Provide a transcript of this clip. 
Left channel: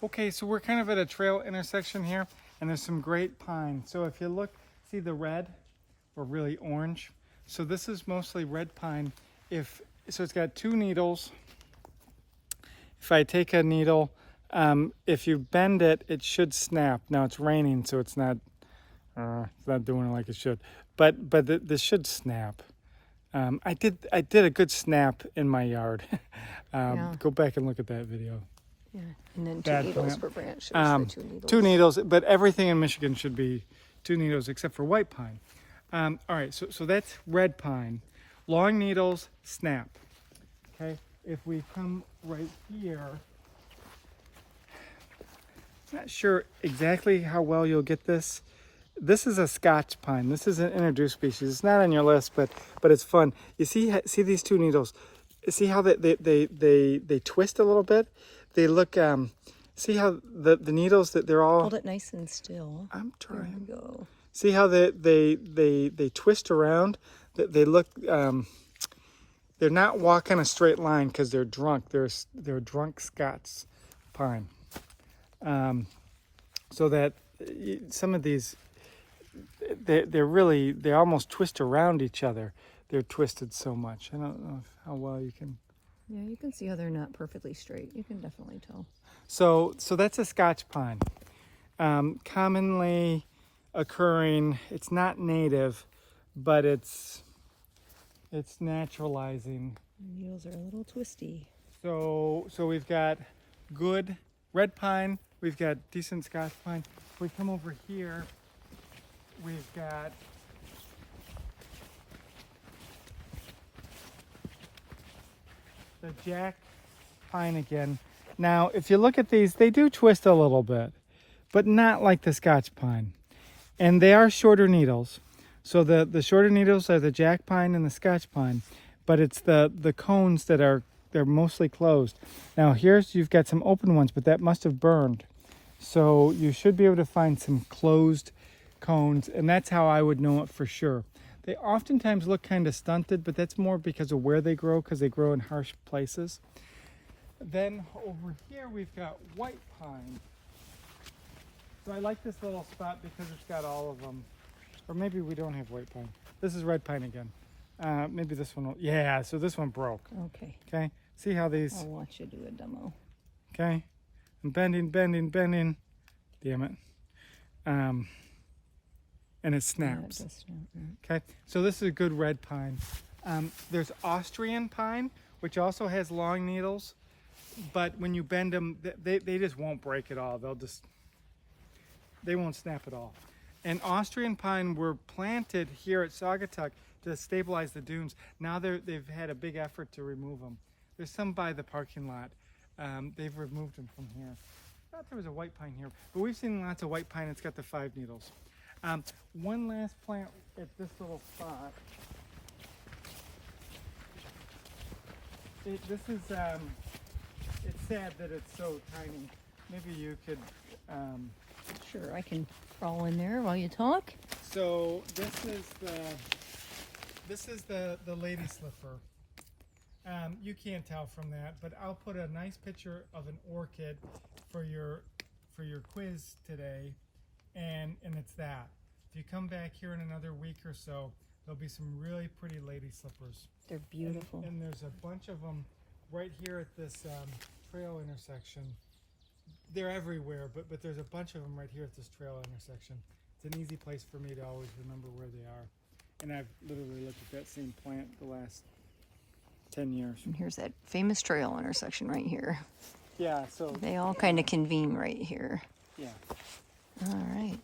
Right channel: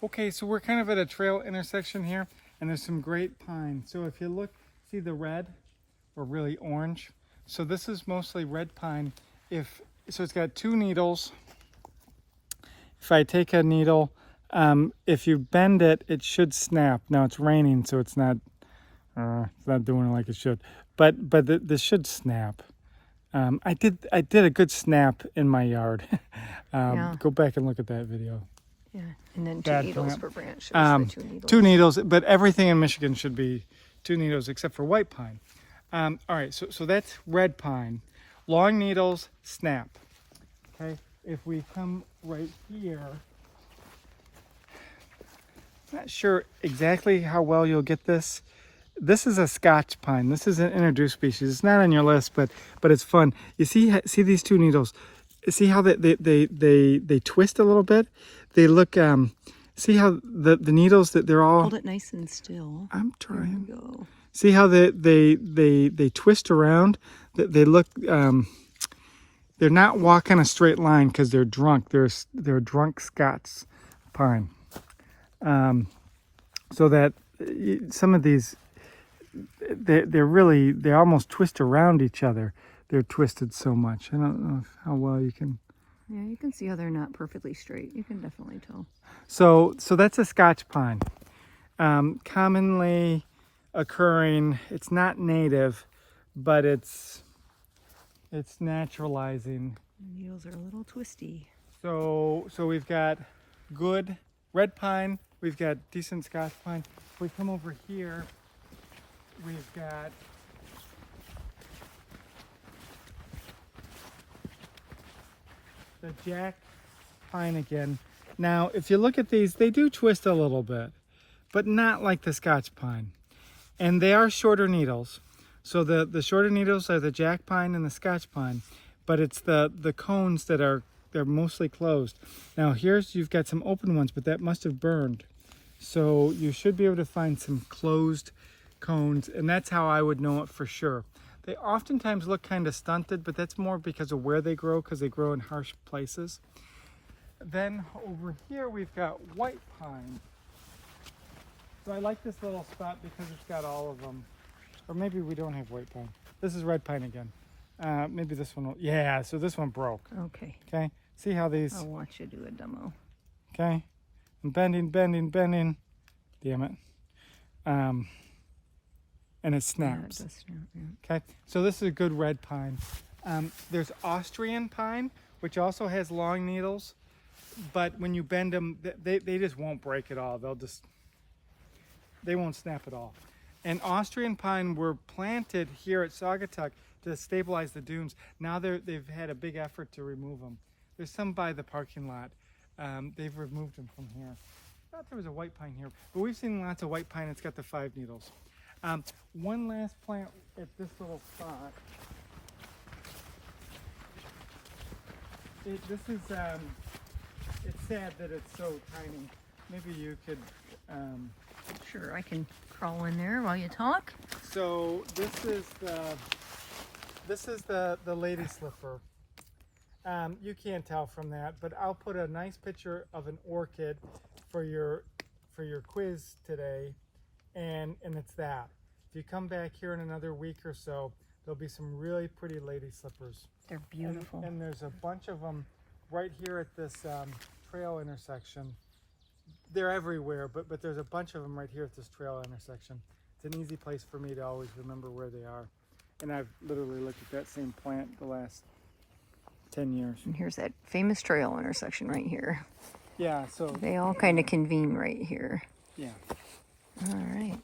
Okay, so we're kind of at a trail intersection here, and there's some great pine. So if you look, see the red or really orange? So this is mostly red pine. So it's got 2 needles. If I take a needle, if you bend it, it should snap. Now it's raining, so it's not doing it like it should. But this should snap. I did a good snap in my yard. Yeah. Go back and look at that video. Yeah, and then 2 Bad needles plant. per branch. Shows the 2 needles. 2 needles, but everything in Michigan should be 2 needles except for white pine. All right, so that's red pine. Long needles, snap. Okay, if we come right here, not sure exactly how well you'll get this. This is a Scotch pine. This is an introduced species. It's not on your list, but it's fun. You see these 2 needles. See how they twist a little bit. They look. See how the needles that they're all. Hold it nice and still. I'm trying. There we go. See how they twist around. They look. They're not walking a straight line because they're drunk. They're drunk Scots pine. So that some of these, they almost twist around each other. They're twisted so much. I don't know how well you can. Yeah, you can see how they're not perfectly straight. You can definitely tell. So that's a Scotch pine. Commonly occurring. It's not native, but it's naturalizing. The needles are a little twisty. So we've got good red pine. We've got decent Scotch pine. If we come over here, we've got the jack pine again. Now, if you look at these, they do twist a little bit, but not like the Scotch pine. And they are shorter needles. So the shorter needles are the jack pine and the Scotch pine, but it's the cones that they're mostly closed. Now you've got some open ones, but that must have burned. So you should be able to find some closed cones, and that's how I would know it for sure. They oftentimes look kind of stunted, but that's more because of where they grow, because they grow in harsh places. Then over here we've got white pine. So I like this little spot because it's got all of them. Or maybe we don't have white pine. This is red pine again. Maybe this one will, yeah, so this one broke. Okay. Okay, see how these, I'll watch you do a demo. okay, I'm bending. Damn it. And it snaps. Yeah, it does snap, yeah. Okay, so this is a good red pine. There's Austrian pine, which also has long needles, but when you bend them, they just won't break at all. They won't snap at all. And Austrian pine were planted here at Saugatuck to stabilize the dunes. Now they've had a big effort to remove them. There's some by the parking lot. They've removed them from here. I thought there was a white pine here, but we've seen lots of white pine. It's got the 5 needles. One last plant at this little spot. It's sad that it's so tiny. Maybe you could. Sure, I can crawl in there while you talk. So this is the lady slipper. You can't tell from that, but I'll put a nice picture of an orchid for your quiz today, and it's that. If you come back here in another week or so, there'll be some really pretty lady slippers. They're beautiful. And there's a bunch of them right here at this trail intersection. They're everywhere, but there's a bunch of them right here at this trail intersection. It's an easy place for me to always remember where they are. And I've literally looked at that same plant the last 10 years. And here's that famous trail intersection right here. Yeah, so They all kind of convene right here. yeah. All right.